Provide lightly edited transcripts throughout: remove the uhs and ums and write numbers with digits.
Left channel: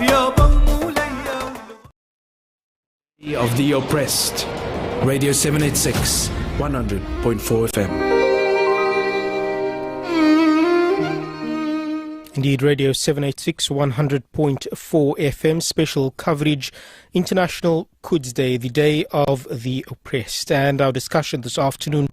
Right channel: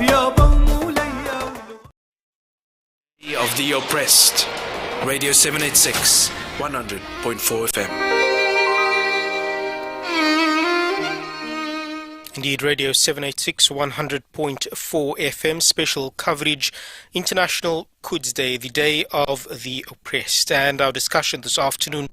Of the oppressed. Radio 786, 100.4 FM. Indeed, Radio 786, 100.4 FM, special coverage, International Quds Day, the Day of the Oppressed. And our discussion this afternoon,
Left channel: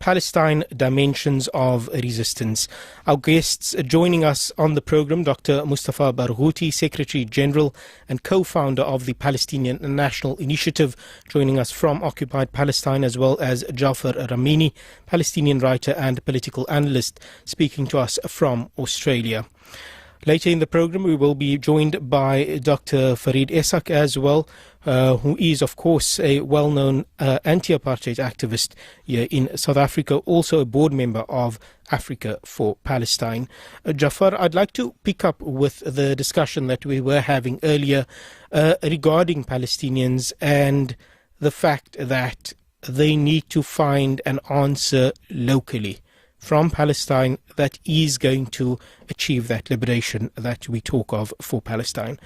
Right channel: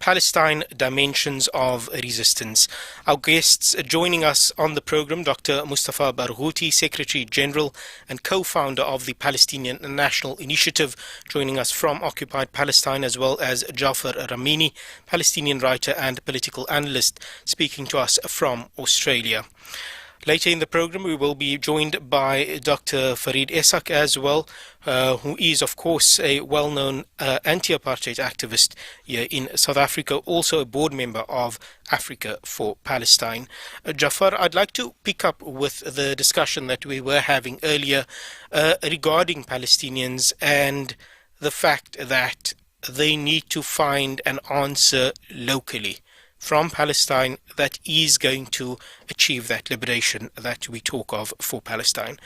Palestine, Dimensions of Resistance. Our guests joining us on the program, Dr. Mustafa Barghouti, Secretary General and co-founder of the Palestinian National Initiative, joining us from occupied Palestine, as well as Jafar Ramini, Palestinian writer and political analyst, speaking to us from Australia. Later in the program, we will be joined by Dr. Farid Esak as well, who is, of course, a well-known anti-apartheid activist here in South Africa, also a board member of Africa for Palestine. Jafar, I'd like to pick up with the discussion that we were having earlier regarding Palestinians and the fact that they need to find an answer locally from Palestine that is going to achieve that liberation that we talk of for Palestine.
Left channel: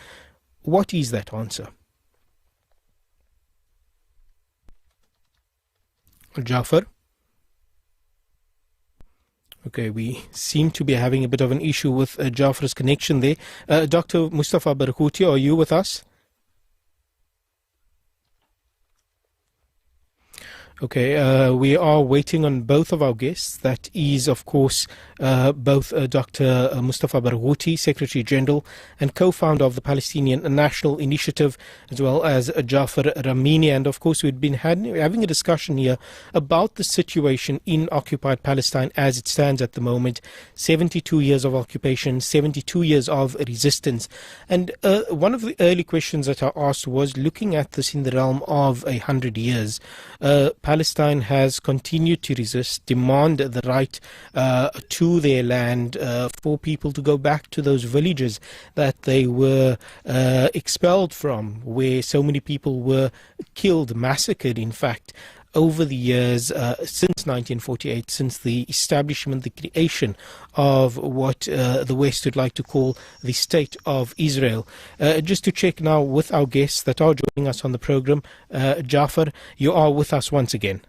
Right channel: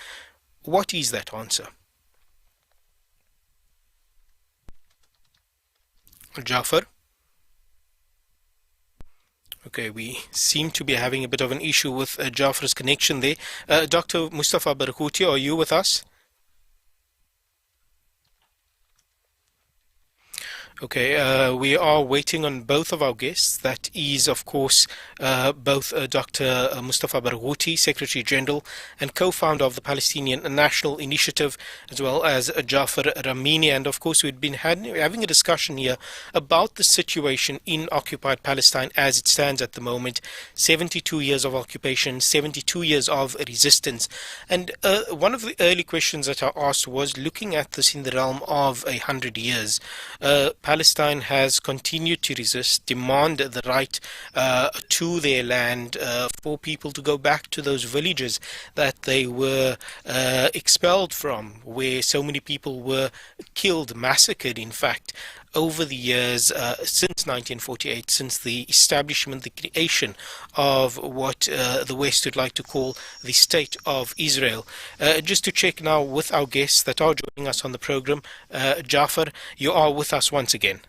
What is that answer? Jafar? Okay, we seem to be having a bit of an issue with Jafar's connection there. Dr. Mustafa Barghouti, are you with us? Okay, we are waiting on both of our guests. That is, of course, both Dr. Mustafa Barghouti, Secretary General and co-founder of the Palestinian National Initiative, as well as Jafar Ramini. And, of course, we've been having a discussion here about the situation in occupied Palestine as it stands at the moment. 72 years of occupation, 72 years of resistance. And one of the early questions that I asked was looking at this in the realm of 100 years. Palestine has continued to resist, demand the right to their land, for people to go back to those villages that they were expelled from, where so many people were killed, massacred, in fact, over the years since 1948, since the establishment, the creation of what the West would like to call the State of Israel. Just to check now with our guests that are joining us on the program, Jafar, you are with us once again.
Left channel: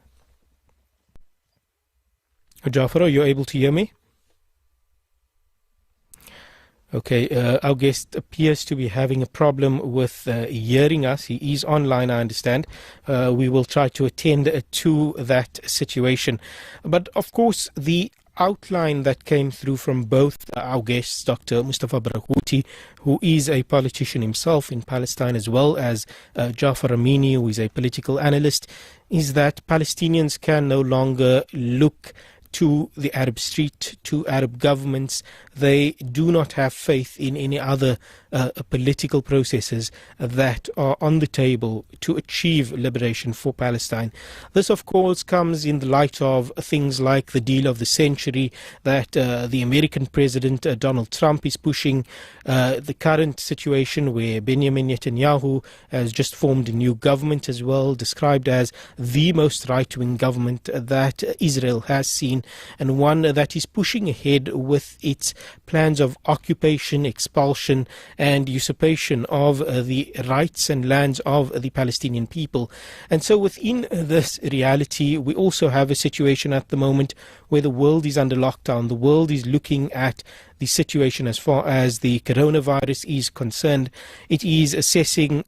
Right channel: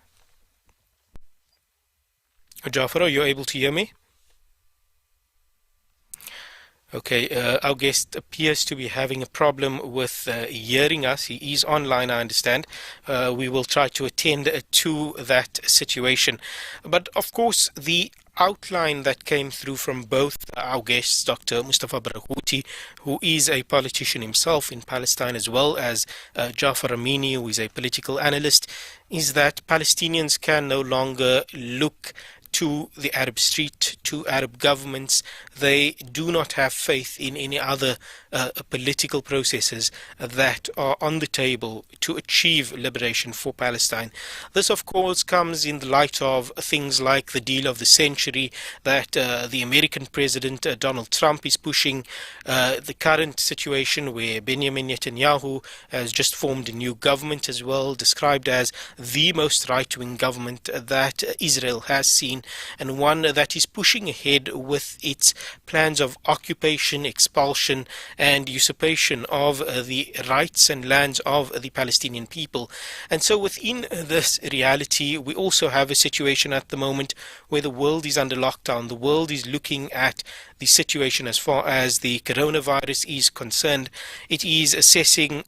Jafar, are you able to hear me? Okay, our guest appears to be having a problem with hearing us. He is online, I understand. We will try to attend to that situation. But, of course, the outline that came through from both our guests, Dr. Mustafa Barghouti, who is a politician himself in Palestine, as well as Jafar Ramini, who is a political analyst, is that Palestinians can no longer look to the Arab street, to Arab governments. They do not have faith in any other political processes that are on the table to achieve liberation for Palestine. This, of course, comes in the light of things like the deal of the century that the American president Donald Trump is pushing, the current situation where Benjamin Netanyahu has just formed a new government as well, described as the most right-wing government that Israel has seen, and one that is pushing ahead with its plans of occupation, expulsion and usurpation of the rights and lands of the Palestinian people. And so within this reality, we also have a situation at the moment where the world is under lockdown. The world is looking at the situation as far as the coronavirus is concerned. It is assessing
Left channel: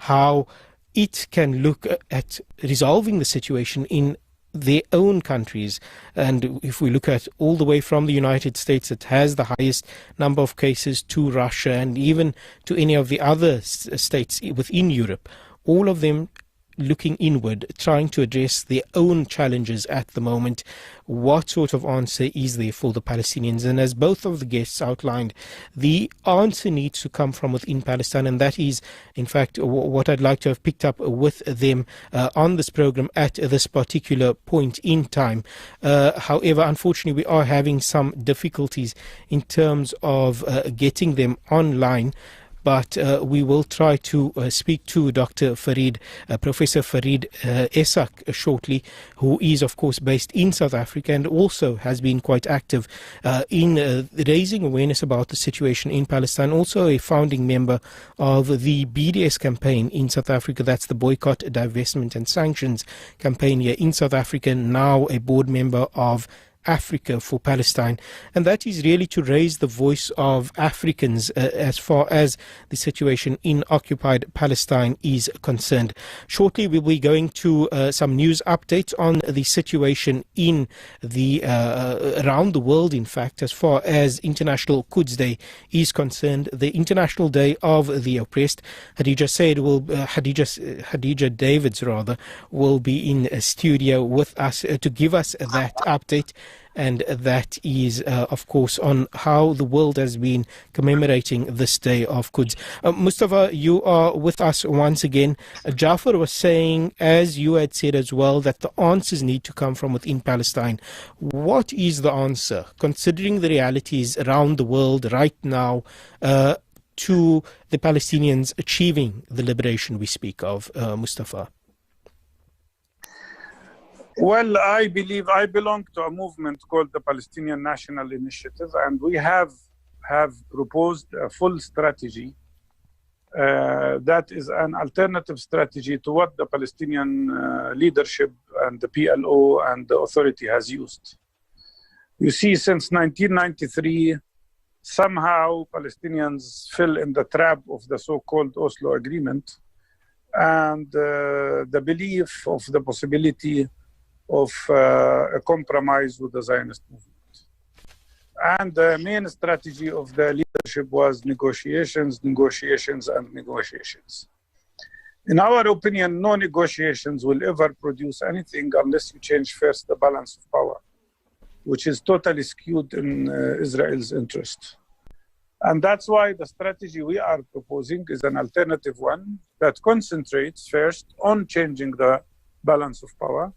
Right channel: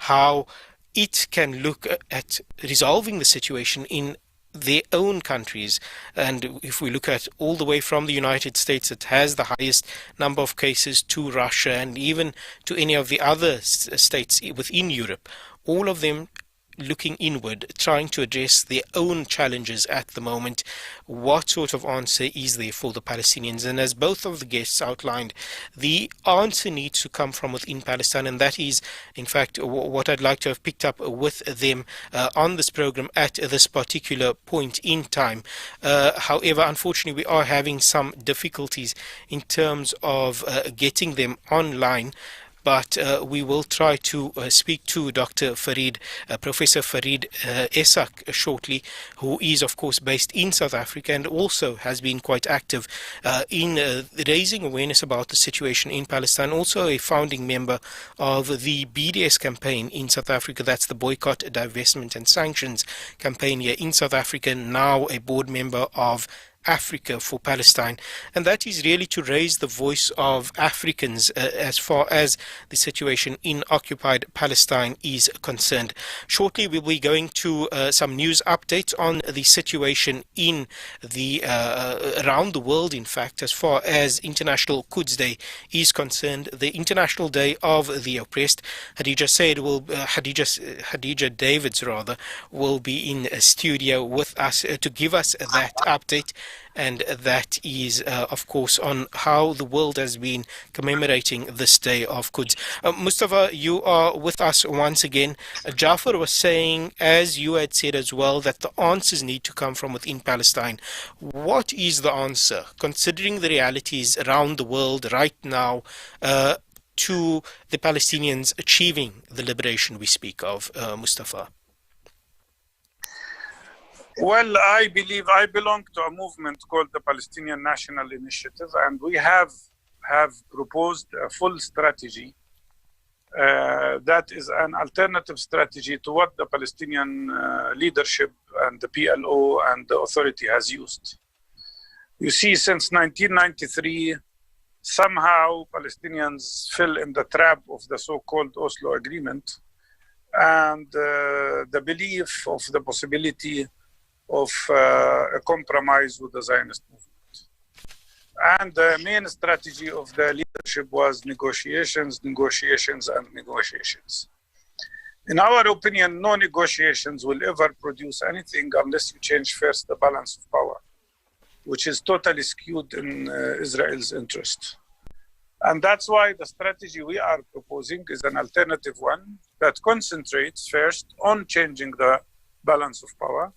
how it can look at resolving the situation in their own countries. And if we look at all the way from the United States, that has the highest number of cases, to Russia and even to any of the other states within Europe, all of them looking inward, trying to address their own challenges at the moment. What sort of answer is there for the Palestinians? And as both of the guests outlined, the answer needs to come from within Palestine, and that is, in fact, what I'd like to have picked up with them on this program at this particular point in time. However, unfortunately, we are having some difficulties in terms of getting them online. but we will try to speak to Dr. Farid, Professor Farid Esak shortly, who is, of course, based in South Africa and also has been quite active in raising awareness about the situation in Palestine, also a founding member of the BDS campaign in South Africa. That's the Boycott, Divestment and Sanctions campaign here in South Africa, now a board member of Africa for Palestine, and that is really to raise the voice of Africans as far as the situation in occupied Palestine is concerned. Shortly we'll be going to some news updates on the situation in the around the world, in fact, as far as International Quds Day is concerned, the International Day of the Oppressed. Hadija Davids will be in a studio with us to give us that update. And that is, of course, on how the world has been commemorating this day of Quds. Mustafa, you are with us once again. Jafar was saying, as you had said as well, that the answers need to come from within Palestine. What is the answer, considering the realities around the world right now, to the Palestinians achieving the liberation we speak of, Mustafa? Well, I believe I belong to a movement called the Palestinian National Initiative, and we have proposed a full strategy that is an alternative strategy to what the Palestinian leadership and the PLO and the authority has used. You see, since 1993, somehow Palestinians fell in the trap of the so-called Oslo Agreement and the belief of the possibility of a compromise with the Zionist movement. And the main strategy of the leadership was negotiations. In our opinion, no negotiations will ever produce anything unless you change first the balance of power, which is totally skewed in Israel's interest. And that's why the strategy we are proposing is an alternative one that concentrates first on changing the balance of power,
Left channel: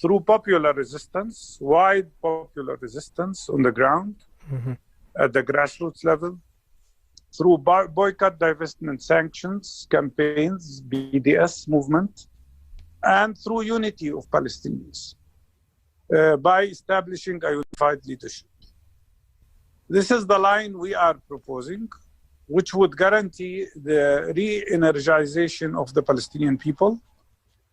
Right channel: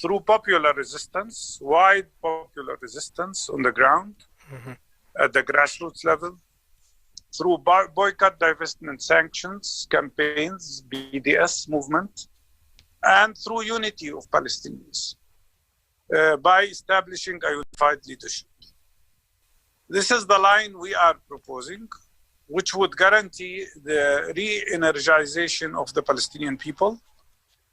through popular resistance, wide popular resistance on the ground, at the grassroots level, through boycott, divestment, sanctions, campaigns, BDS movement, and through unity of Palestinians by establishing a unified leadership. This is the line we are proposing, which would guarantee the re-energization of the Palestinian people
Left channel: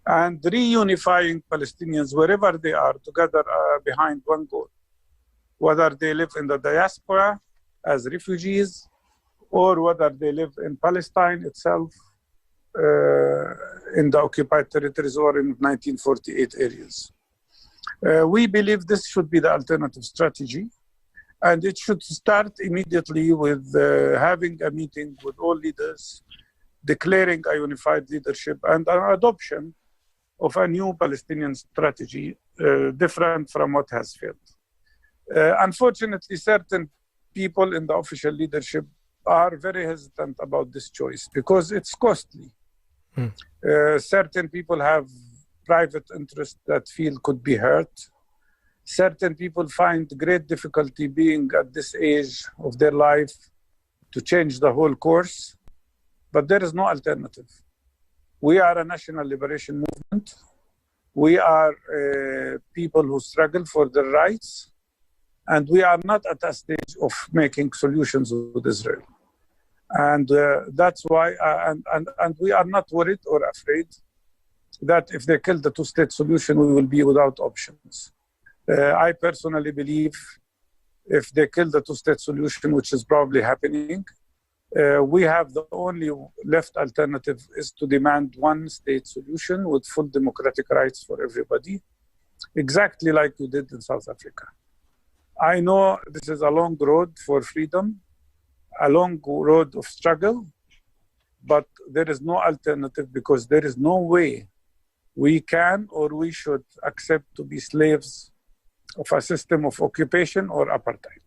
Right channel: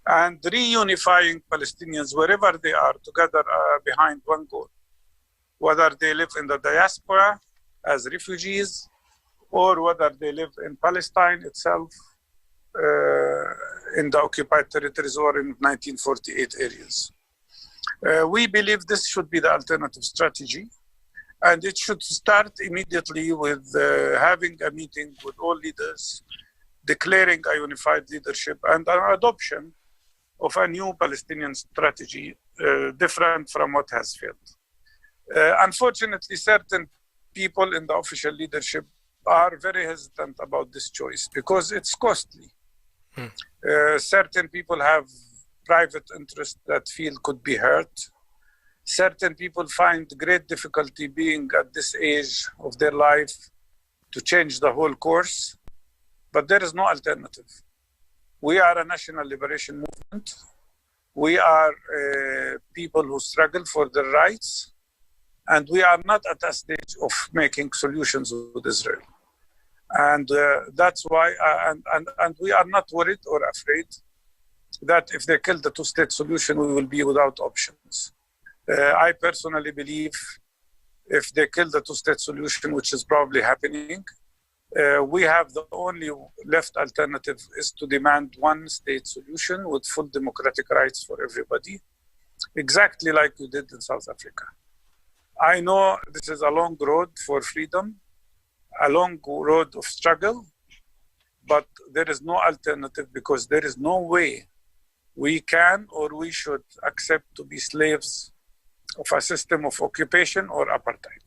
and reunifying Palestinians wherever they are together behind one goal, whether they live in the diaspora as refugees or whether they live in Palestine itself, in the occupied territories or in 1948 areas. We believe this should be the alternative strategy, and it should start immediately with having a meeting with all leaders, declaring a unified leadership and an adoption of a new Palestinian strategy, different from what has failed. Unfortunately, certain people in the official leadership are very hesitant about this choice because it's costly. Certain people have private interests that feel could be hurt. Certain people find great difficulty being at this age of their life to change the whole course, but there is no alternative. We are a national liberation movement. We are people who struggle for their rights, and we are not at a stage of making solutions with Israel. And that's why, and we are not worried or afraid that if they kill the two-state solution, we will be without options. I personally believe if they kill the two-state solution, which is probably happening, we have the only left alternative is to demand one-state solution with full democratic rights for everybody, exactly like you did in South Africa. I know this is a long road for freedom, a long road of struggle, but there is no alternative because there is no way we can or we should accept to be slaves of a system of occupation or apartheid.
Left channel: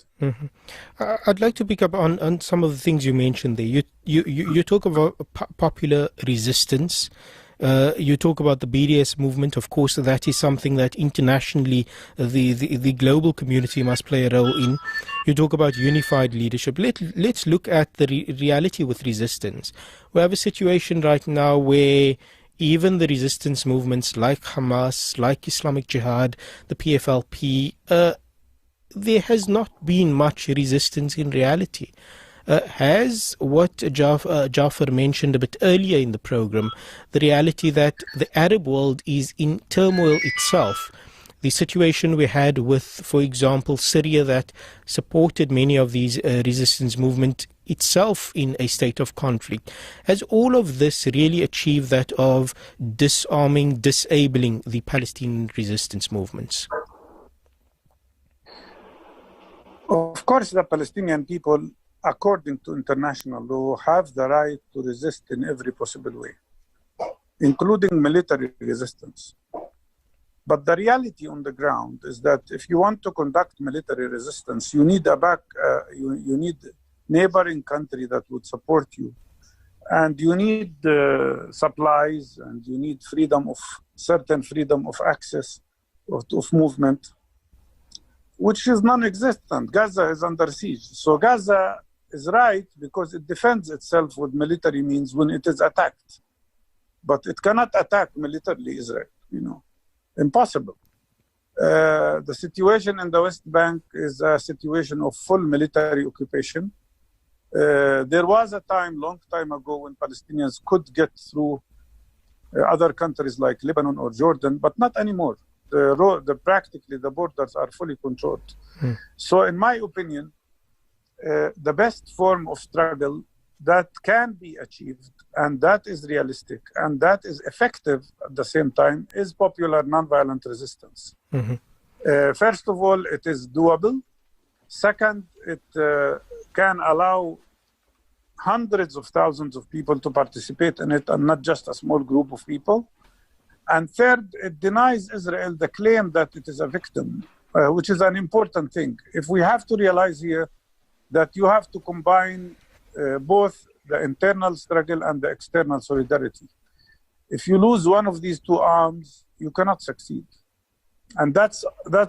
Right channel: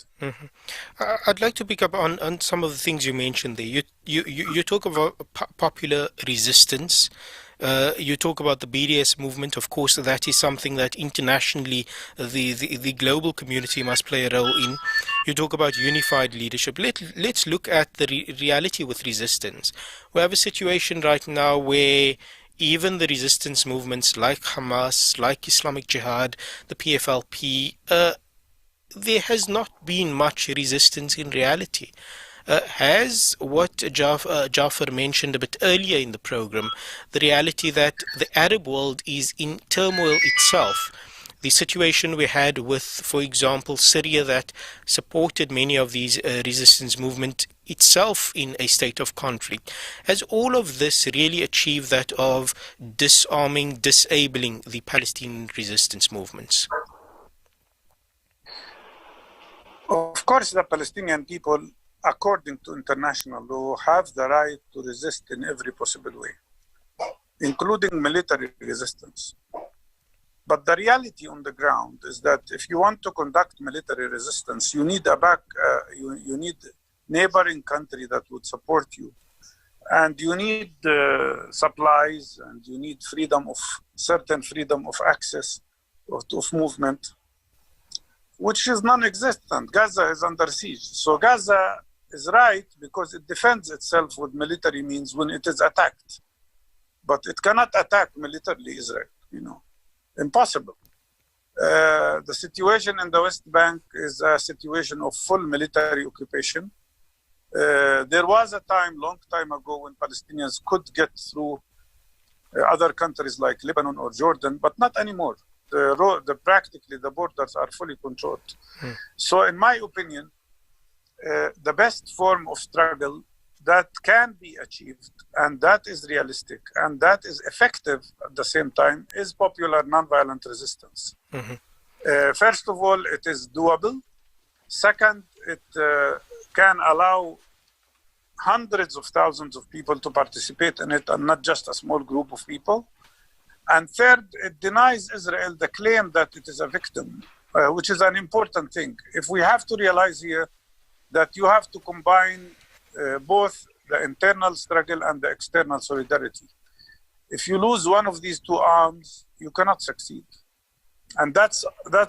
I'd like to pick up on some of the things you mentioned there. You talk about popular resistance You talk about the BDS movement. Of course, that is something that internationally the global community must play a role in. You talk about unified leadership. Let's look at the reality with resistance. We have a situation right now where even the resistance movements like Hamas, like Islamic Jihad, the PFLP, there has not been much resistance in reality. Has what Jafar mentioned a bit earlier in the program, the reality that the Arab world is in turmoil itself, the situation we had with, for example, Syria that supported many of these resistance movement itself in a state of conflict, has all of this really achieved that of disarming, disabling the Palestinian resistance movements? Of course, the Palestinian people, according to international law, have the right to resist in every possible way, including military resistance. But the reality on the ground is that if you want to conduct military resistance, you need you need neighboring country that would support you, and you need supplies, and you need certain freedom of access, of movement, which is non-existent. Gaza is under siege. So Gaza is right because it defends itself with military means when it is attacked. But it cannot attack militarily Israel, Impossible. The situation in the West Bank is a situation of full military occupation. There was a time, long time ago, when Palestinians could get through other countries like Lebanon or Jordan, but not anymore. Practically the borders are fully controlled. So in my opinion, the best form of struggle that can be achieved and that is realistic and that is effective at the same time is popular nonviolent resistance. First of all, it is doable. Second, it can allow hundreds of thousands of people to participate in it and not just a small group of people. And third, it denies Israel the claim that it is a victim, which is an important thing. If we have to realize here that you have to combine both the internal struggle and the external solidarity. If you lose one of these two arms, you cannot succeed. And that's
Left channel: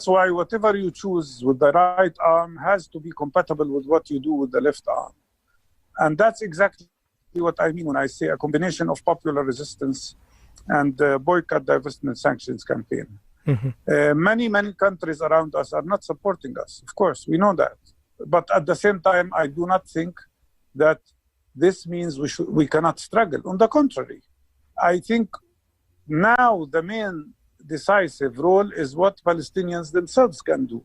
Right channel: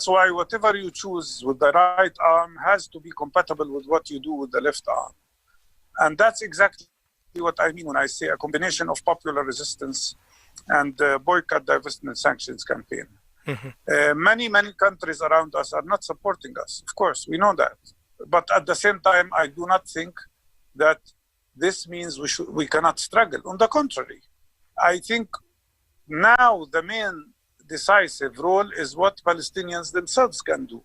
why whatever you choose with the right arm has to be compatible with what you do with the left arm. And that's exactly what I mean when I say a combination of popular resistance and boycott, divestment, sanctions campaign. Many countries around us are not supporting us. Of course, we know that. But at the same time, I do not think that this means we cannot struggle. On the contrary, I think now the main decisive role is what Palestinians themselves can do.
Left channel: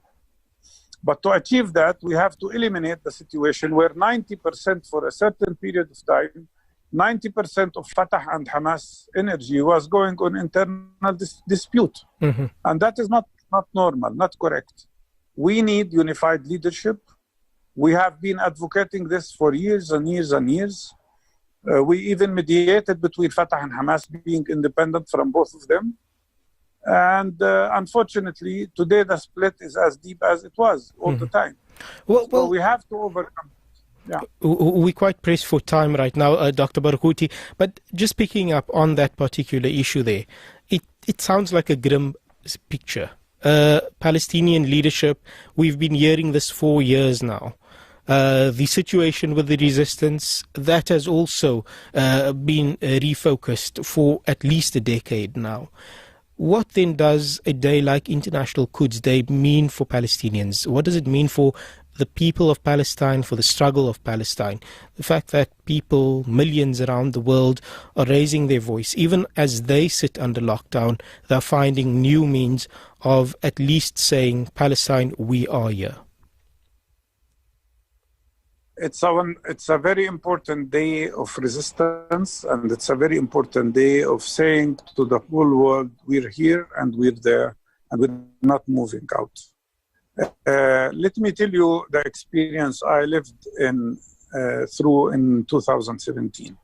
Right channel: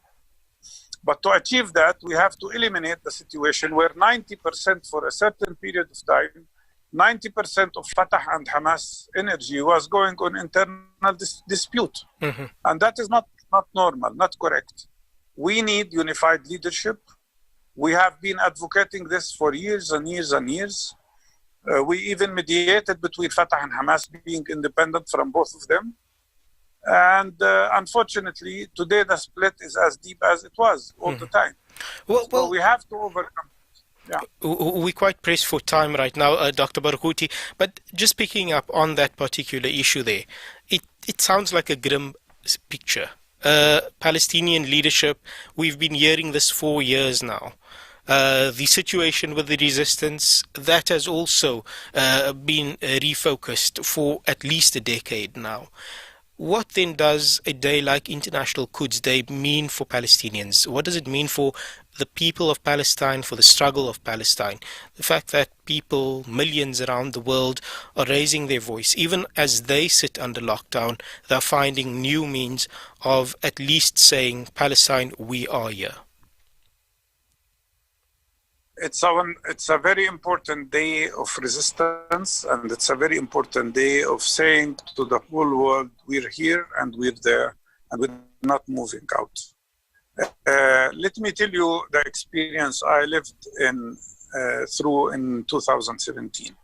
But to achieve that, we have to eliminate the situation where 90% for a certain period of time, 90% of Fatah and Hamas energy was going on internal dispute. And that is not normal, not correct. We need unified leadership. We have been advocating this for years and years and years. We even mediated between Fatah and Hamas being independent from both of them. And unfortunately, today the split is as deep as it was all the time. So we have to overcome. Yeah. We're quite pressed for time right now, Dr. Barghouti. But just picking up on that particular issue there, it sounds like a grim picture. Palestinian leadership, we've been hearing this for years now. The situation with the resistance, that has also been refocused for at least a decade now. What then does a day like International Quds Day mean for Palestinians? What does it mean for the people of Palestine, for the struggle of Palestine? The fact that people, millions around the world, are raising their voice. Even as they sit under lockdown, they're finding new means of at least saying, Palestine, we are here. It's a very important day of resistance, and it's a very important day of saying to the whole world, we're here and we're there, and we're not moving out. Let me tell you the experience I lived through in 2017.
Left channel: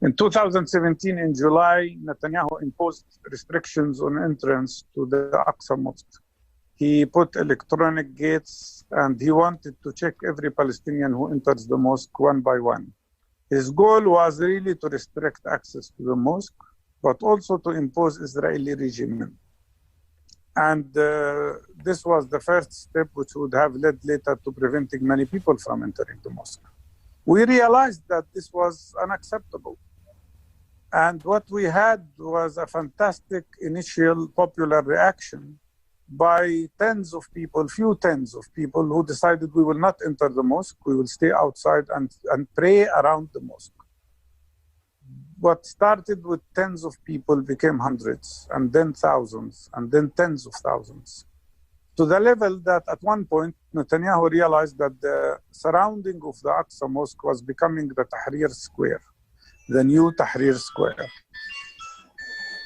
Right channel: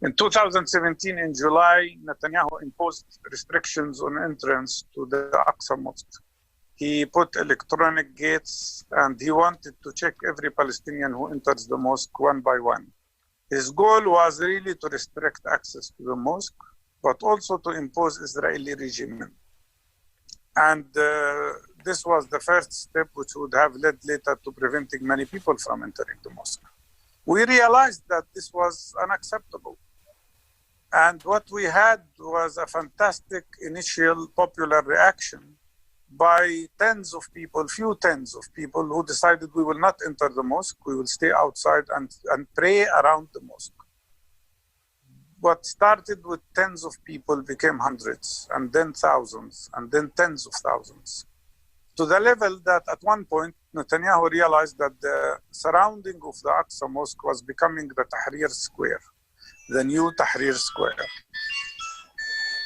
In 2017, in July, Netanyahu imposed restrictions on entrance to the Aqsa Mosque. He put electronic gates and he wanted to check every Palestinian who enters the mosque one by one. His goal was really to restrict access to the mosque but also to impose Israeli regime. And this was the first step which would have led later to preventing many people from entering the mosque. We realized that this was unacceptable. And what we had was a fantastic initial popular reaction by tens of people, few tens of people who decided we will not enter the mosque, we will stay outside and pray around the mosque. What started with tens of people became hundreds, and then thousands, and then tens of thousands. To the level that at one point, Netanyahu realized that the surrounding of the Aqsa Mosque was becoming the Tahrir Square, the new Tahrir Square.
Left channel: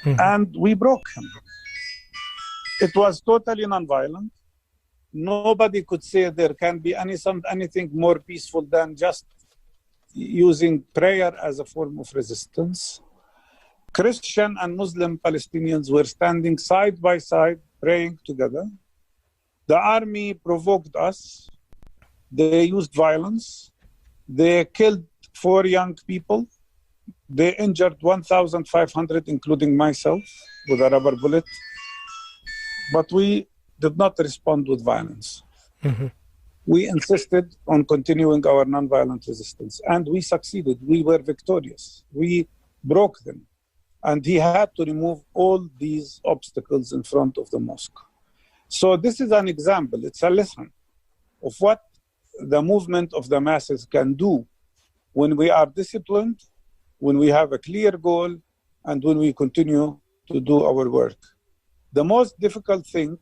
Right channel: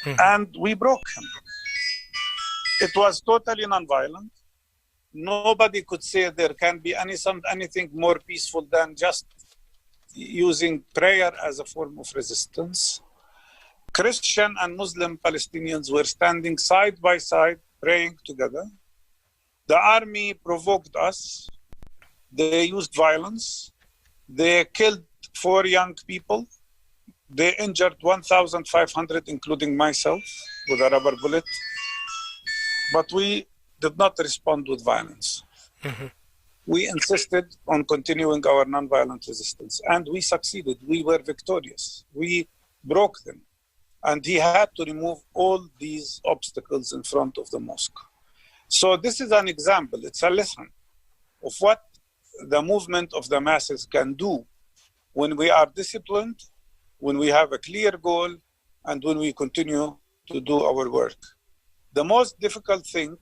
And we broke him. It was totally nonviolent. Nobody could say there can be anything more peaceful than just using prayer as a form of resistance. Christian and Muslim Palestinians were standing side by side, praying together. The army provoked us. They used violence. They killed 4 young people. They injured 1,500, including myself, with a rubber bullet. But we did not respond with violence. We insisted on continuing our nonviolent resistance, and we succeeded. We were victorious. We broke them. And he had to remove all these obstacles in front of the mosque. So this is an example. It's a lesson of what the movement of the masses can do when we are disciplined, when we have a clear goal, and when we continue to do our work. The most difficult thing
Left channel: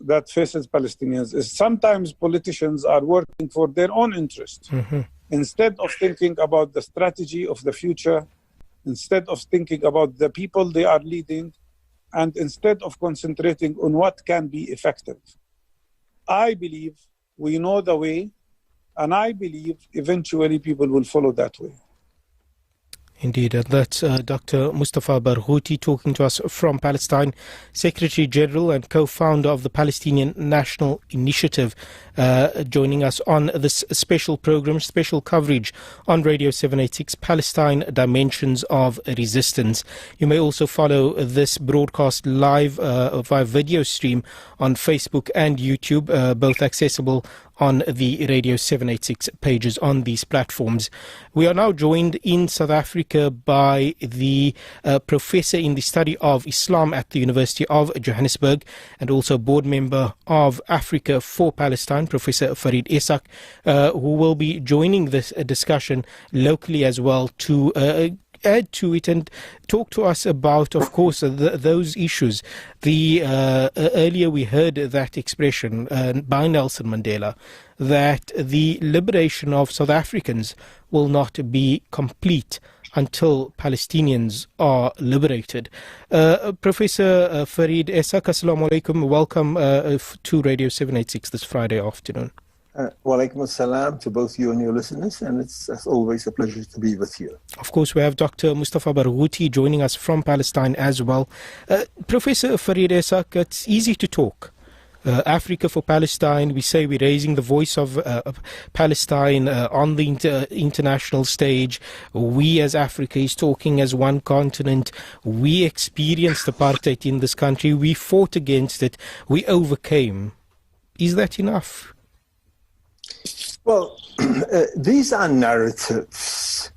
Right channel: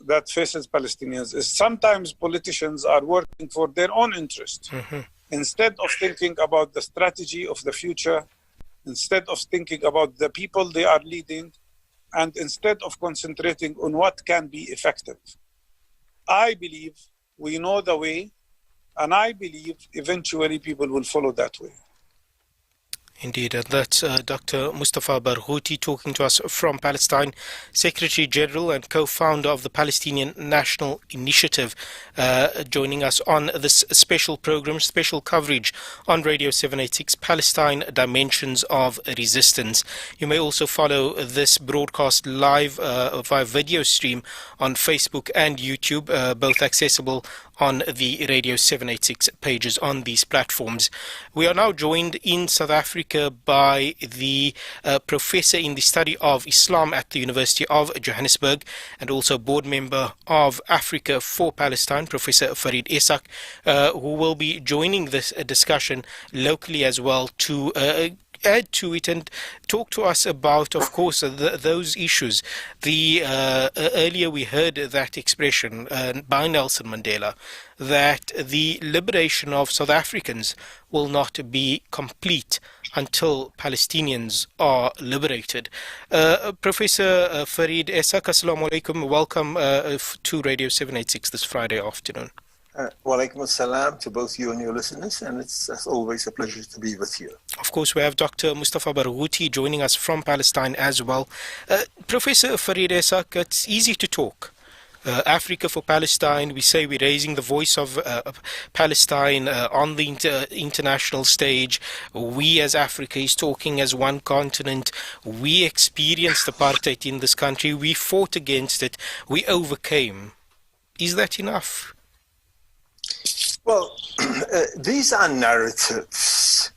that faces Palestinians is sometimes politicians are working for their own interest. Instead of thinking about the strategy of the future, instead of thinking about the people they are leading, and instead of concentrating on what can be effective. I believe we know the way, and I believe eventually people will follow that way. Indeed, and that's Dr. Mustafa Barghouti talking to us from Palestine, Secretary General and co-founder of the Palestinian National Initiative, joining us on this special program, special coverage on Radio 786, Palestine Dimensions of Resistance. You may also follow this broadcast live via video stream on Facebook and YouTube, both accessible on the Radio 786 pages on these platforms. We are now joined in South Africa by the professor in the study of Islam at the University of Johannesburg and also board member of Africa for Palestine, Professor Farid Esak, who will be joining this discussion locally as well to add to it and talk to us about, of course, those issues. Earlier we heard that expression by Nelson Mandela that the liberation of South Africans will not be complete until Palestinians are liberated. Professor Farid Esak, assalamu alaikum. Welcome to Radio 786 this Friday afternoon. Wa alaikum assalam to both you and your listeners, and it's as always a pleasure to be with you. Of course, we have Dr. Mustafa Barghouti joining us from Palestine as well. Professor Farid Esak, it's easy to talk. Africa for Palestine, we say we're raising the voice of Palestine on the international stage. We as Africa is talking as one continent. We experienced apartheid in this country. We fought against it. We overcame. Is that enough? Well, these are narratives.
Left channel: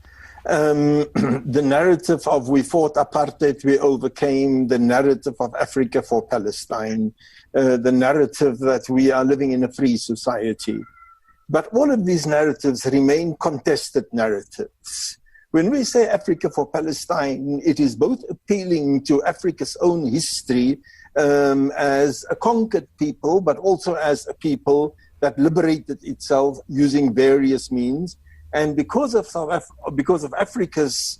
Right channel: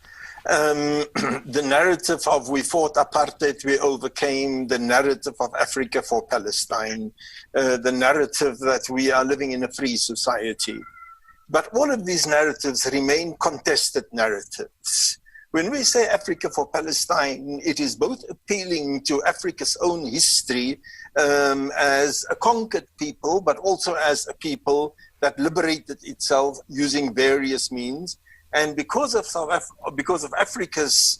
The narrative of we fought apartheid, we overcame, the narrative of Africa for Palestine, the narrative that we are living in a free society. But all of these narratives remain contested narratives. When we say Africa for Palestine, it is both appealing to Africa's own history as a conquered people, but also as a people that liberated itself using various means. And because of Africa's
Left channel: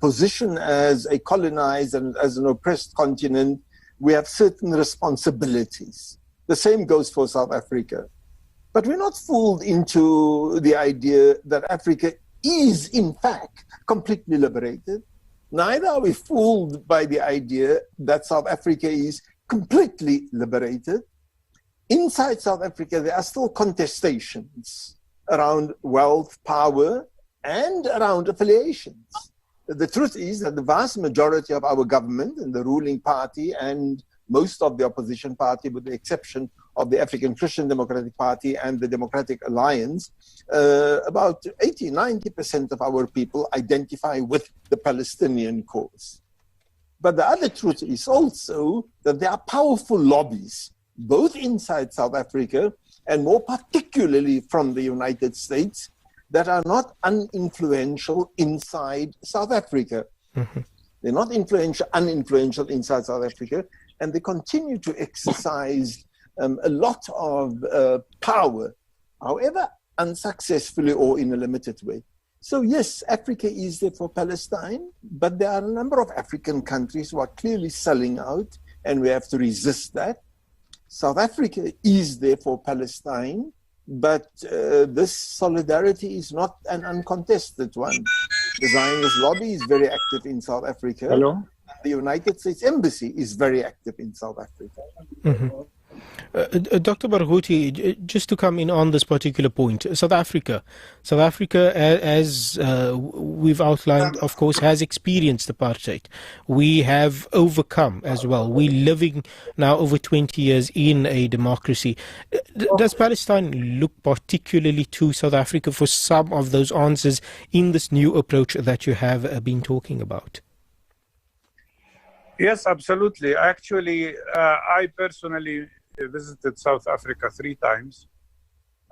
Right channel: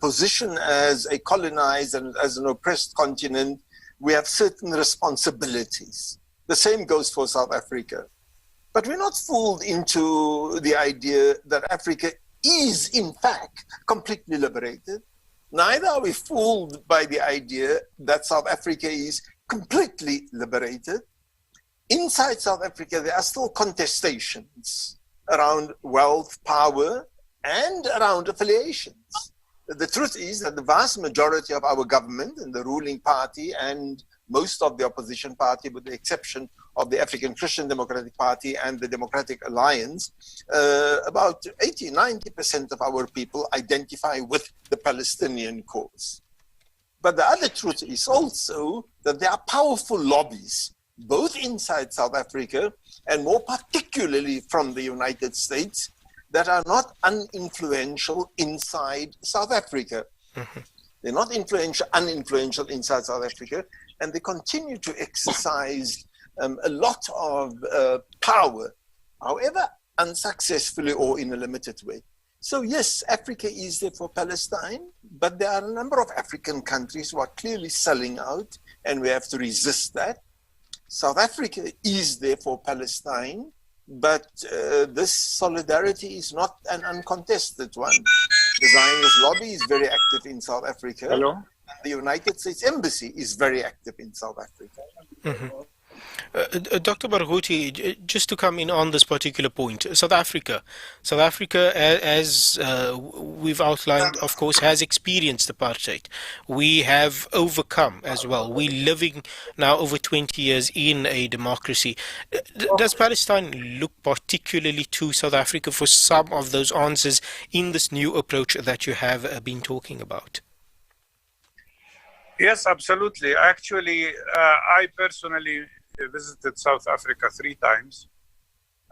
position as a colonized and as an oppressed continent, we have certain responsibilities. The same goes for South Africa. But we're not fooled into the idea that Africa is, in fact, completely liberated. Neither are we fooled by the idea that South Africa is completely liberated. Inside South Africa, there are still contestations around wealth, power, and around affiliations. the truth is that the vast majority of our government and the ruling party and most of the opposition party, with the exception of the African Christian Democratic Party and the Democratic Alliance, about 80-90% of our people identify with the Palestinian cause. But the other truth is also that there are powerful lobbies, both inside South Africa and more particularly from the United States, that are not uninfluential inside South Africa. Mm-hmm. They're not uninfluential inside South Africa, and they continue to exercise a lot of power, however unsuccessfully or in a limited way. So yes, Africa is there for Palestine, but there are a number of African countries who are clearly selling out, and we have to resist that. South Africa is there for Palestine, but this solidarity is not an uncontested one. The Zionist lobby is very active in South Africa. Hello? The United States Embassy is very active in South Africa. Mm-hmm. Dr. Barghouti, just to come in on this particular point, South Africa, as we've outlined, of course, has experienced apartheid. We have overcome as well. We're living now over 20 years in a democracy. Does Palestine look particularly to South Africa for some of those answers in this new approach that you have been talking about? Yes, absolutely. Actually, I personally visited South Africa 3 times,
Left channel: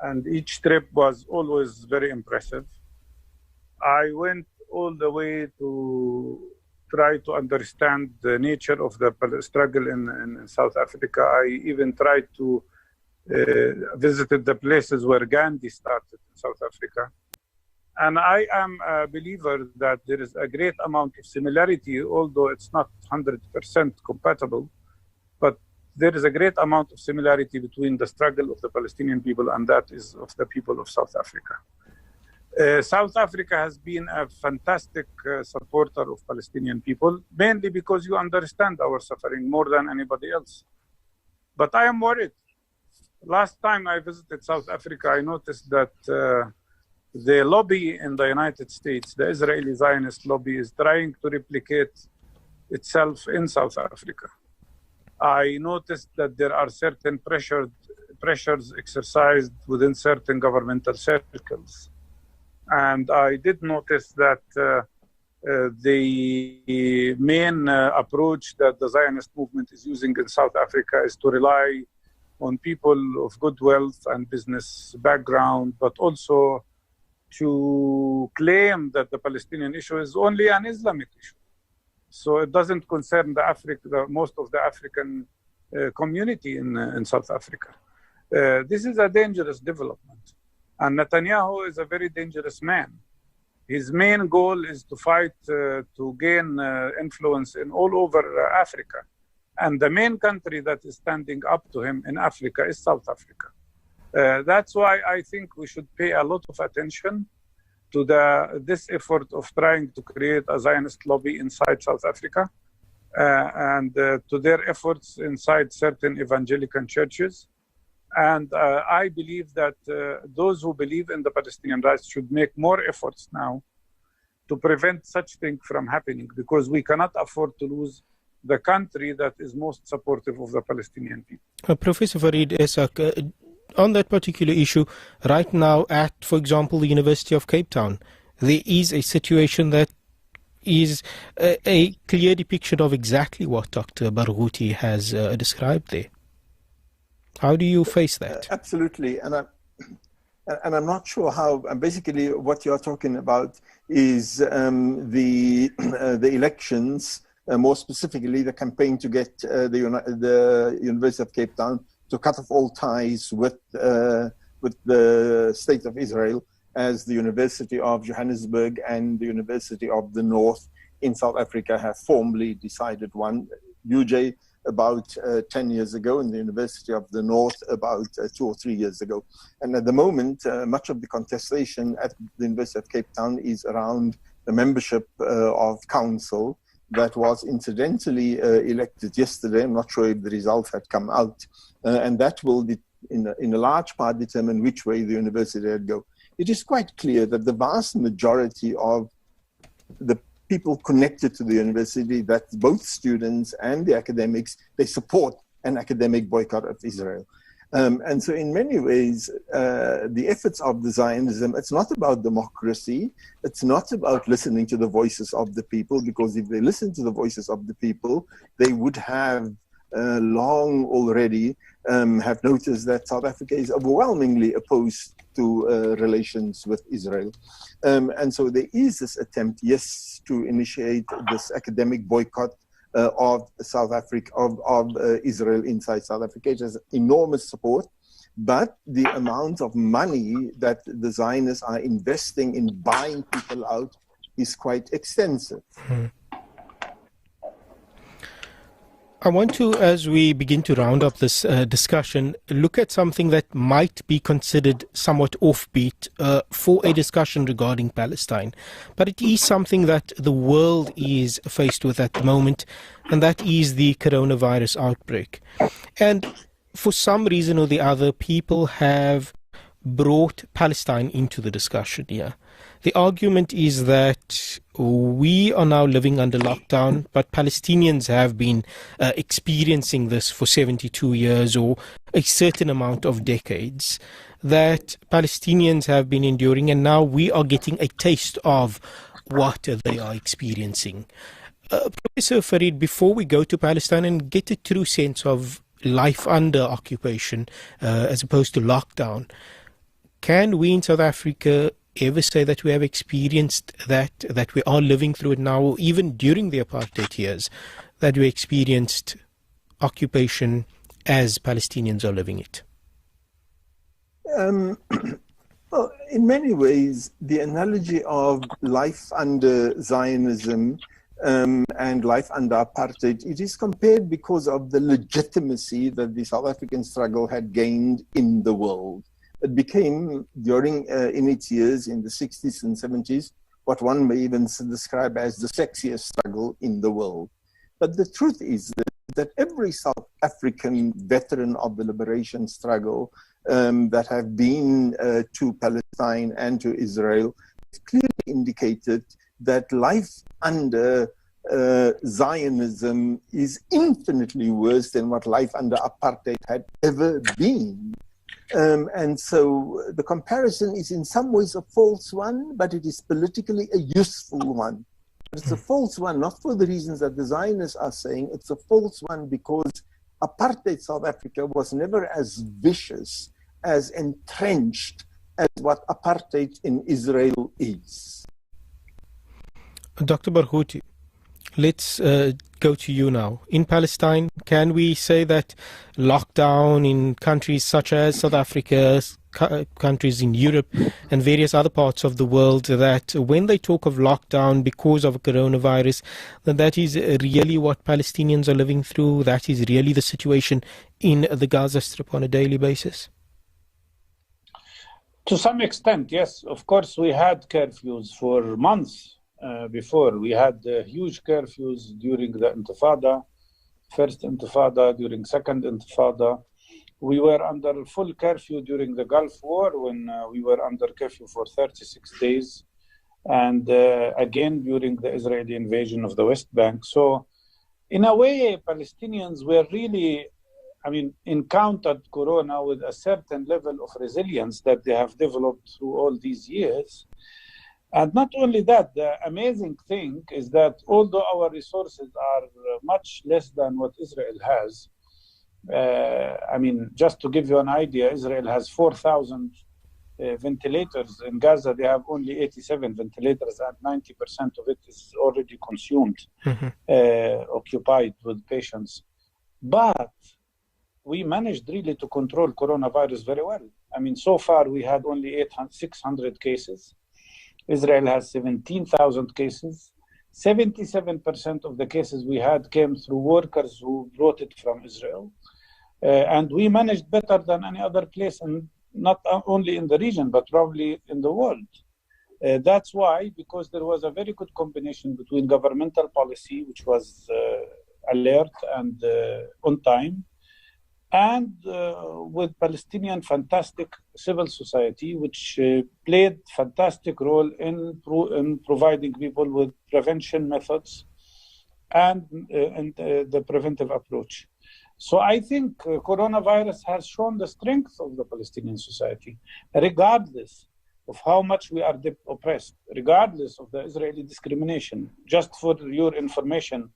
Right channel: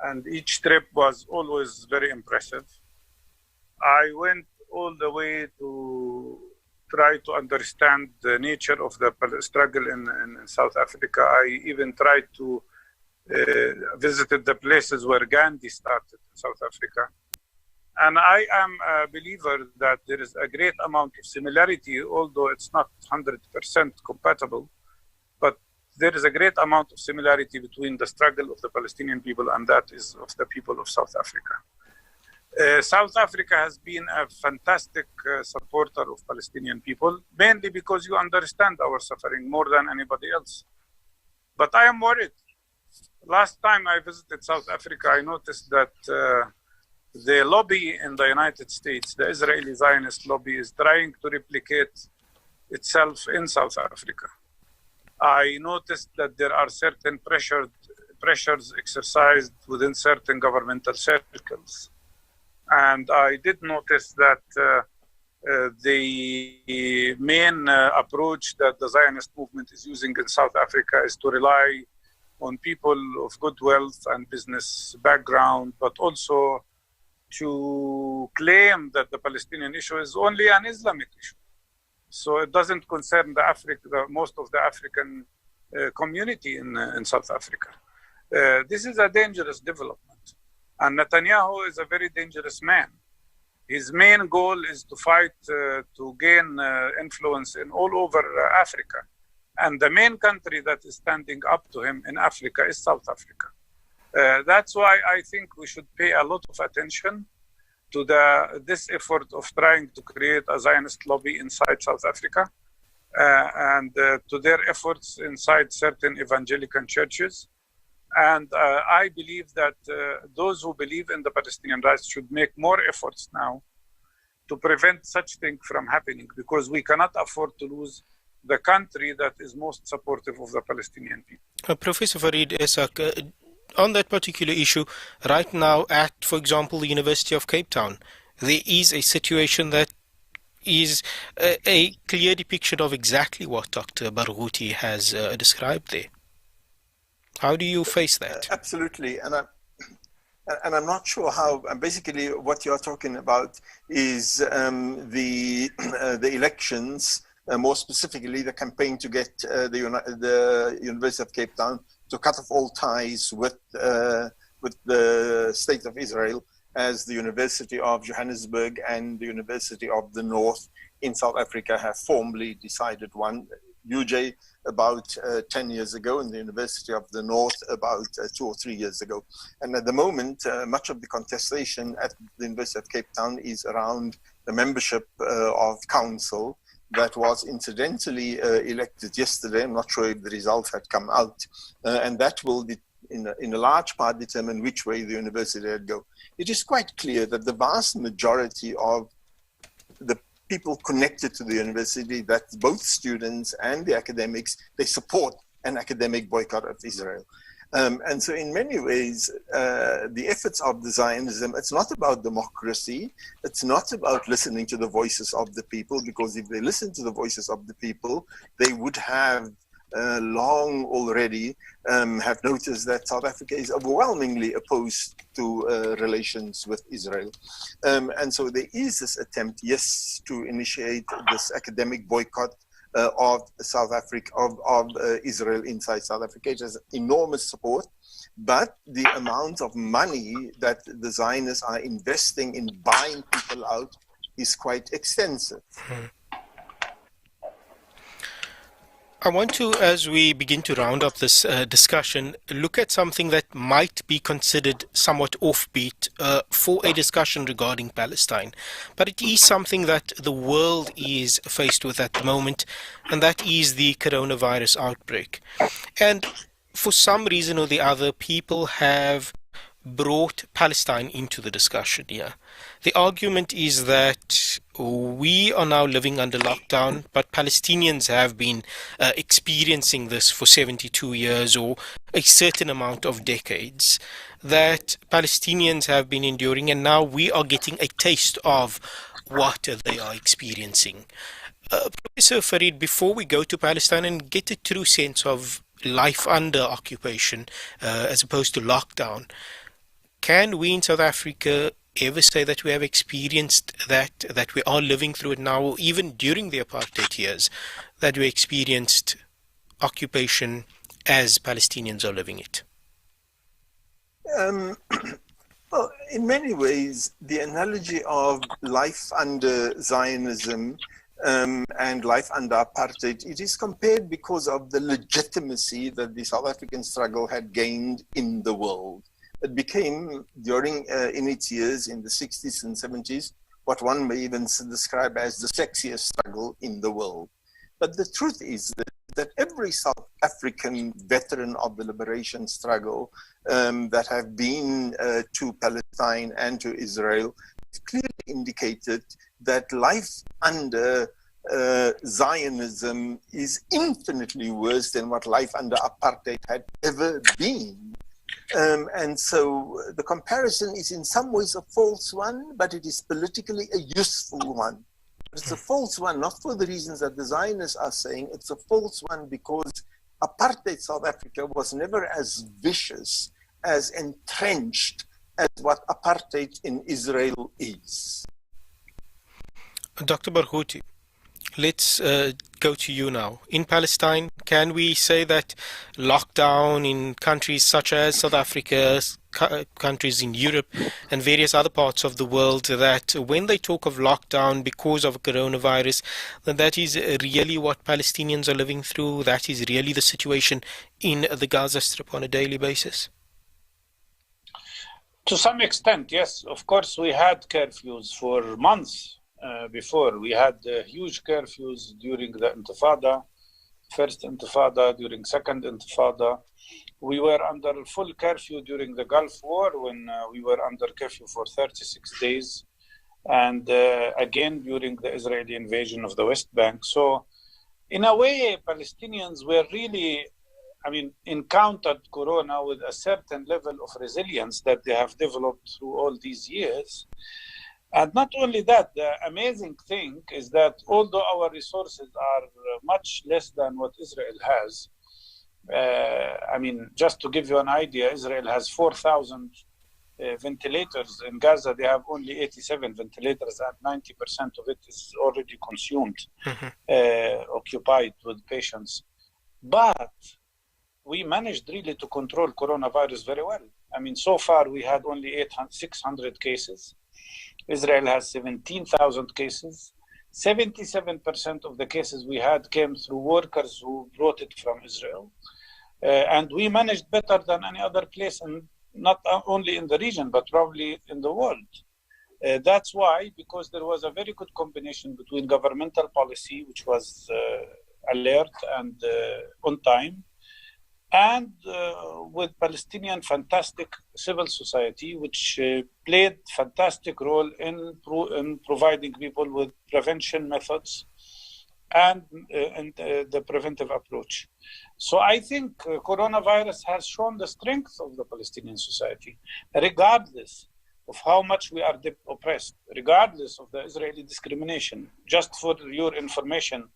and each trip was always very impressive. I went all the way to try to understand the nature of the struggle in South Africa. I even tried to visited the places where Gandhi started in South Africa. And I am a believer that there is a great amount of similarity, although it's not 100% compatible, but there is a great amount of similarity between the struggle of the Palestinian people and that is of the people of South Africa. South Africa has been a fantastic supporter of Palestinian people, mainly because you understand our suffering more than anybody else. But I am worried. Last time I visited South Africa, I noticed that the lobby in the United States, the Israeli Zionist lobby, is trying to replicate itself in South Africa. I noticed that there are certain pressures exercised within certain governmental circles. And I did notice that the main approach that the Zionist movement is using in South Africa is to rely on people of good wealth and business background, but also to claim that the Palestinian issue is only an Islamic issue. So it doesn't concern most of the African community in South Africa. This is a dangerous development. And Netanyahu is a very dangerous man. His main goal is to fight to gain influence in all over Africa. And the main country that is standing up to him in Africa is South Africa. That's why I think we should pay a lot of attention to this effort of trying to create a Zionist lobby inside South Africa and to their efforts inside certain evangelical churches. And I believe that those who believe in the Palestinian rights should make more efforts now to prevent such things from happening, because we cannot afford to lose the country that is most supportive of the Palestinian people. Professor Farid Esak, on that particular issue, right now at, for example, the University of Cape Town, there is a situation that is a clear depiction of exactly what Dr. Barghouti has described there. How do you face that? Absolutely, and I'm not sure how. Basically, what you're talking about is the elections, more specifically the campaign to get the University of Cape Town to cut off all ties with the State of Israel, as the University of Johannesburg and the University of the North in South Africa have formally decided one. UJ about 10 years ago, and the University of the North about 2 or 3 years ago. And at the moment, much of the contestation at the University of Cape Town is around the membership of council that was incidentally elected yesterday. I'm not sure if the results had come out. And that will, in a large part, determine which way the university will go. It is quite clear that the vast majority of the people connected to the university that both students and the academics, they support an academic boycott of Israel. And so in many ways, the efforts of the Zionism, it's not about democracy. It's not about listening to the voices of the people, because if they listen to the voices of the people, they would have long already have noticed that South Africa is overwhelmingly opposed to relations with Israel. And so there is this attempt, yes, to initiate this academic boycott of South Africa, of Israel inside South Africa. It has enormous support, but the amount of money that the Zionists are investing in buying people out is quite extensive. I want to, as we begin to round up this discussion, look at something that might be considered somewhat offbeat for a discussion regarding Palestine. But it is something that the world is faced with at the moment, and that is the coronavirus outbreak. And for some reason or the other, people have brought Palestine into the discussion here. The argument is that we are now living under lockdown, but Palestinians have been experiencing this for 72 years or a certain amount of decades, that Palestinians have been enduring, and now we are getting a taste of what they are experiencing. Professor Farid, before we go to Palestine and get a true sense of life under occupation as opposed to lockdown, can we in South Africa ever say that we have experienced that we are living through it now, or even during the apartheid years, that we experienced occupation as Palestinians are living it? Well, in many ways, the analogy of life under Zionism and life under apartheid, it is compared because of the legitimacy that the South African struggle had gained in the world. It became, during in its years in the 60s and 70s, what one may even describe as the sexiest struggle in the world. But the truth is that every South African veteran of the liberation struggle that have been to Palestine and to Israel clearly indicated that life under Zionism is infinitely worse than what life under apartheid had ever been. And so the comparison is in some ways a false one, but it is politically a useful one. It's a false one, not for the reasons that the Zionists are saying. It's a false one because apartheid South Africa was never as vicious, as entrenched as what apartheid in Israel is. Dr. Barghouti, let's go to you now. In Palestine, can we say that lockdown in countries such as South Africa, countries in Europe and various other parts of the world, that when they talk of lockdown because of coronavirus, that is really what Palestinians are living through? That is really the situation in the Gaza Strip on a daily basis? To some extent, yes. Of course, we had curfews for months. Before. We had huge curfews during the Intifada, first Intifada, during second Intifada. We were under full curfew during the Gulf War when we were under curfew for 36 days. And again, during the Israeli invasion of the West Bank. So in a way, Palestinians were really, encountered Corona with a certain level of resilience that they have developed through all these years. And not only that, the amazing thing is that although our resources are much less than what Israel has, just to give you an idea, Israel has 4,000 ventilators. In Gaza, they have only 87 ventilators, and 90% of it is already consumed, occupied with patients. But we managed really to control coronavirus very well. So far, we had only 600 cases. Israel has 17,000 cases. 77% of the cases we had came through workers who brought it from Israel. And we managed better than any other place, and not only in the region, but probably in the world. That's why, because there was a very good combination between governmental policy, which was alert and on time, and with Palestinian fantastic civil society, which played fantastic role in providing people with prevention methods and the preventive approach. So I think coronavirus has shown the strength of the Palestinian society, regardless of how much we are oppressed, regardless of the Israeli discrimination. Just for your information,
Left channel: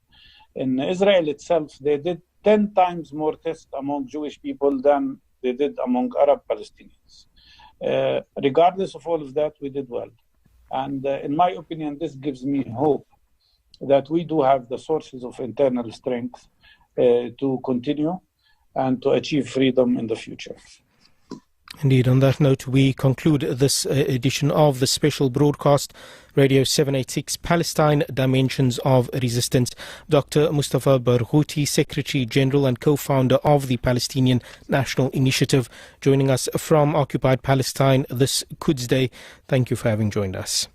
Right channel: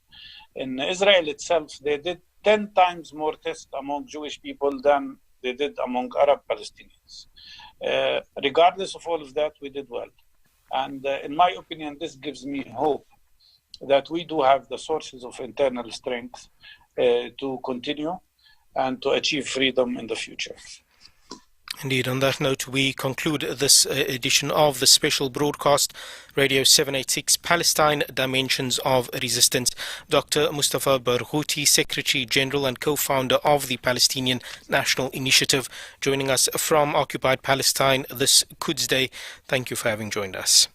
in Israel itself, they did 10 times more tests among Jewish people than they did among Arab Palestinians. Regardless of all of that, we did well. And in my opinion, this gives me hope that we do have the sources of internal strength to continue and to achieve freedom in the future. Indeed, on that note, we conclude this edition of the special broadcast, Radio 786 Palestine Dimensions of Resistance. Dr. Mustafa Barghouti, Secretary General and co-founder of the Palestinian National Initiative, joining us from occupied Palestine this Quds Day. Thank you for having joined us.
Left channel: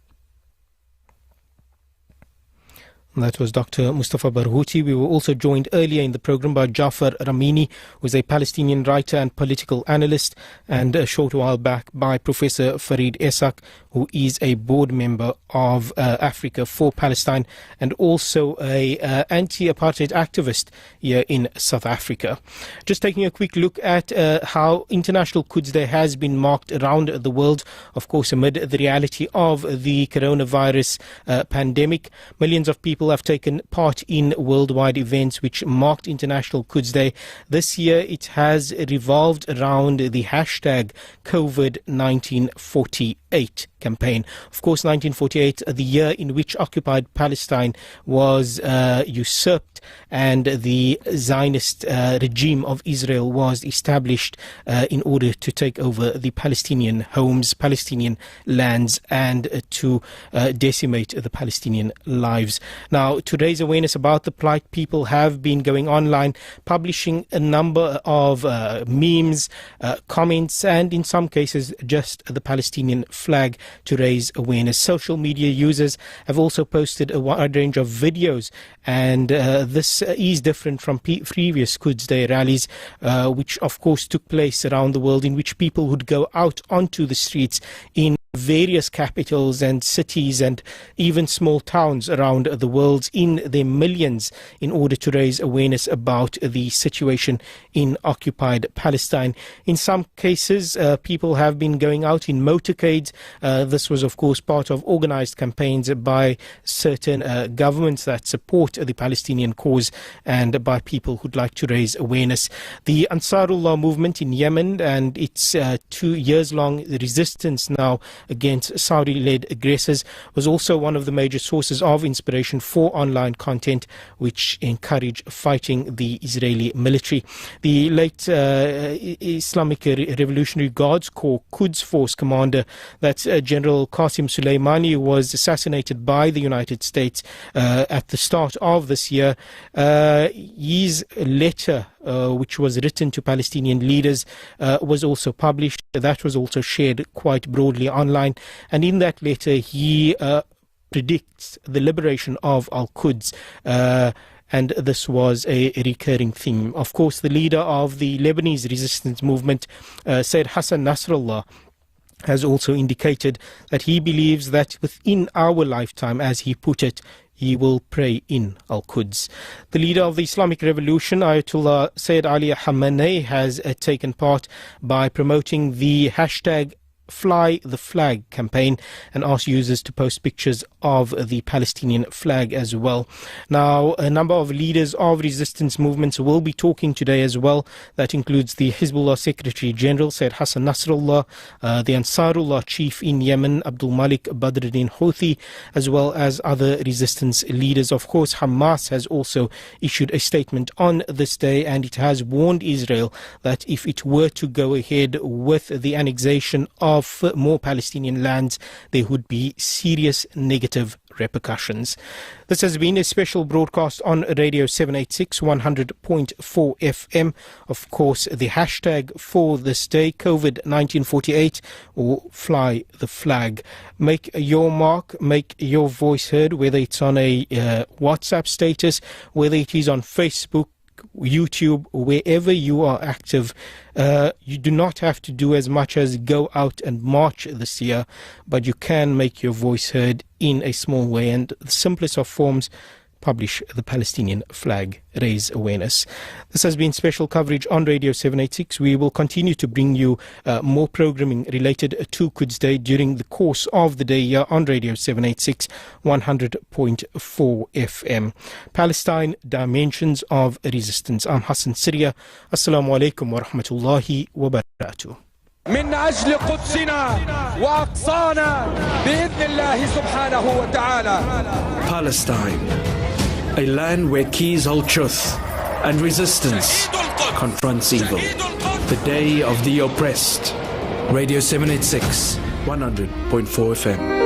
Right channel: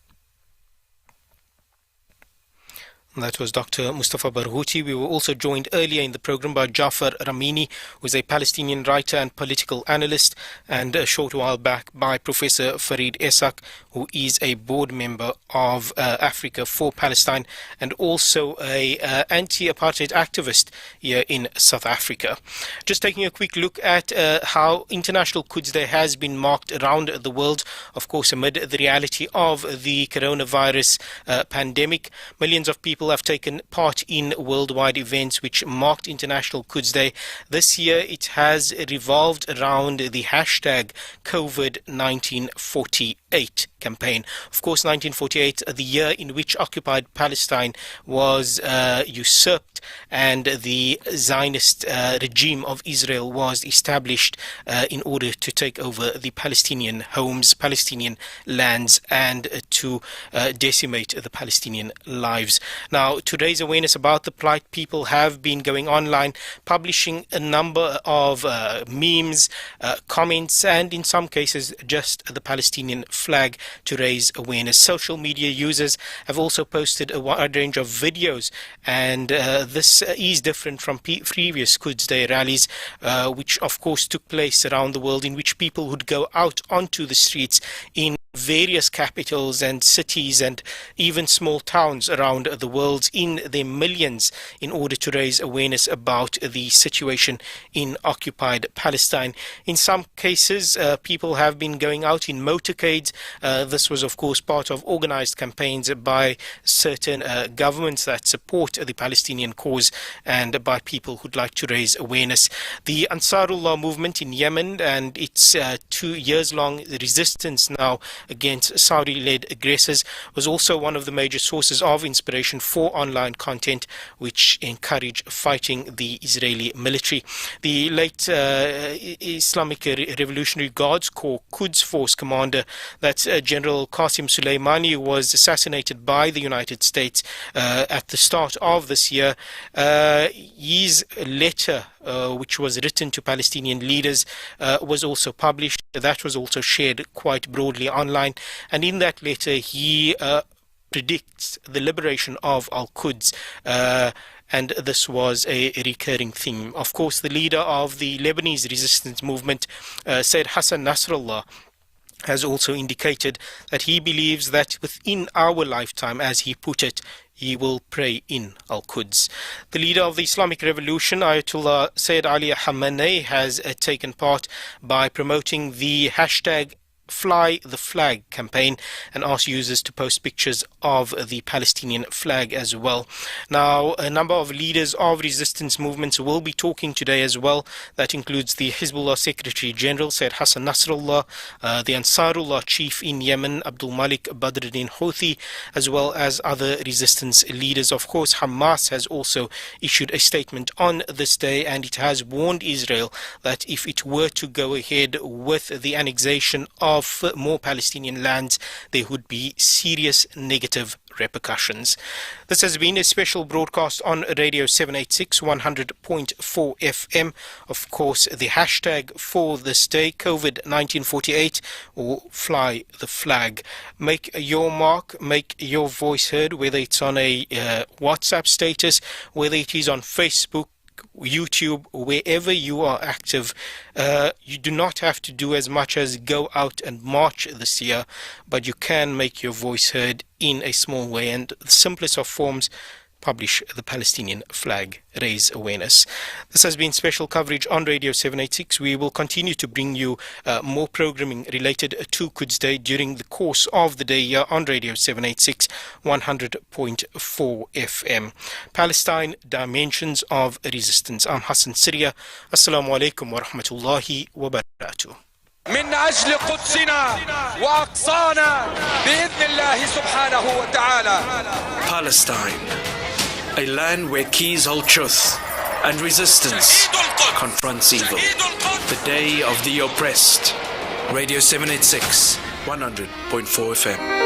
That was Dr. Mustafa Barghouti. We were also joined earlier in the program by Jafar Ramini, who is a Palestinian writer and political analyst, and a short while back by Professor Farid Esak, who is a board member of Africa for Palestine and also a anti-apartheid activist here in South Africa. Just taking a quick look at how International Quds Day has been marked around the world, of course, amid the reality of the coronavirus pandemic. Millions of people have taken part in worldwide events which marked International Quds Day. This year it has revolved around the hashtag COVID-1948 campaign. Of course, 1948, the year in which occupied Palestine was usurped and the Zionist regime of Israel was established in order to take over the Palestinian homes, Palestinian lands, and to decimate the Palestinian lives. Now, to raise awareness about the plight, people have been going online, publishing a number of memes, comments, and in some cases just the Palestinian flag to raise awareness. Social media users have also posted a wide range of videos, and this is different from previous Quds Day rallies, which of course took place around the world, in which people would go out onto the streets in various capitals and cities and even small towns around the world in their millions in order to raise awareness about the situation in occupied Palestine. In some cases, people have been going out in motorcades. This was, of course, part of organized campaigns by certain governments that support the Palestinian cause and by people who'd like to raise awareness. The Ansarullah movement in Yemen and its 2 years long resistance now against Saudi-led aggressors was also one of the major sources of inspiration for online content which encourage fighting the Israeli military. The late Islamic Revolutionary Guards Corps Quds Force commander, that's General Qasim Soleimani, was assassinated by the United States at the start of this year. His letter, which was written to Palestinian leaders, was also published. That was also shared quite broadly online. And in that letter, he predicts the liberation of Al-Quds. And this was a recurring theme. Of course, the leader of the Lebanese resistance movement, Said Hassan Nasrallah, has also indicated that he believes that within our lifetime, as he put it, he will pray in Al-Quds. The leader of the Islamic Revolution, Ayatollah Sayyid Ali Khamenei, has taken part by promoting the hashtag Fly the Flag campaign and asked users to post pictures of the Palestinian flag as well. Now, a number of leaders of resistance movements will be talking today as well. That includes the Hezbollah Secretary General, Said Hassan Nasrallah, the Ansarullah chief in Yemen, Abdul Malik Badruddin Houthi, as well as other resistance leaders. Of course, Hamas has also issued a statement on this day, and it has warned Israel that if it were to go ahead with the annexation of more Palestinian lands, there would be serious negative repercussions. This has been a special broadcast on Radio 786 100.4 FM. Of course, the hashtag for this day, COVID-1948, or Fly the Flag. Make your mark, make your voice heard, whether it's on a WhatsApp status, whether it is on Facebook, YouTube, wherever you are active. You do not have to do as much as go out and march this year, but you can make your voice heard in a small way, and the simplest of forms: publish the Palestinian flag, raise awareness. This has been special coverage on Radio 786. We will continue to bring you more programming related to Quds Day during the course of the day here on Radio 786, 100.4 FM. Palestine, Dimensions of Resistance. I'm Hassan Syria. Assalamu alaikum wa rahmatullahi wa barakatuh. من أجل قدسنا وأقصانا بإذن الله سبحانه وتعالى. Palestine, a land where keys hold truth and resistance confronts evil. The day of the oppressed. Radio 786, 100.4 FM.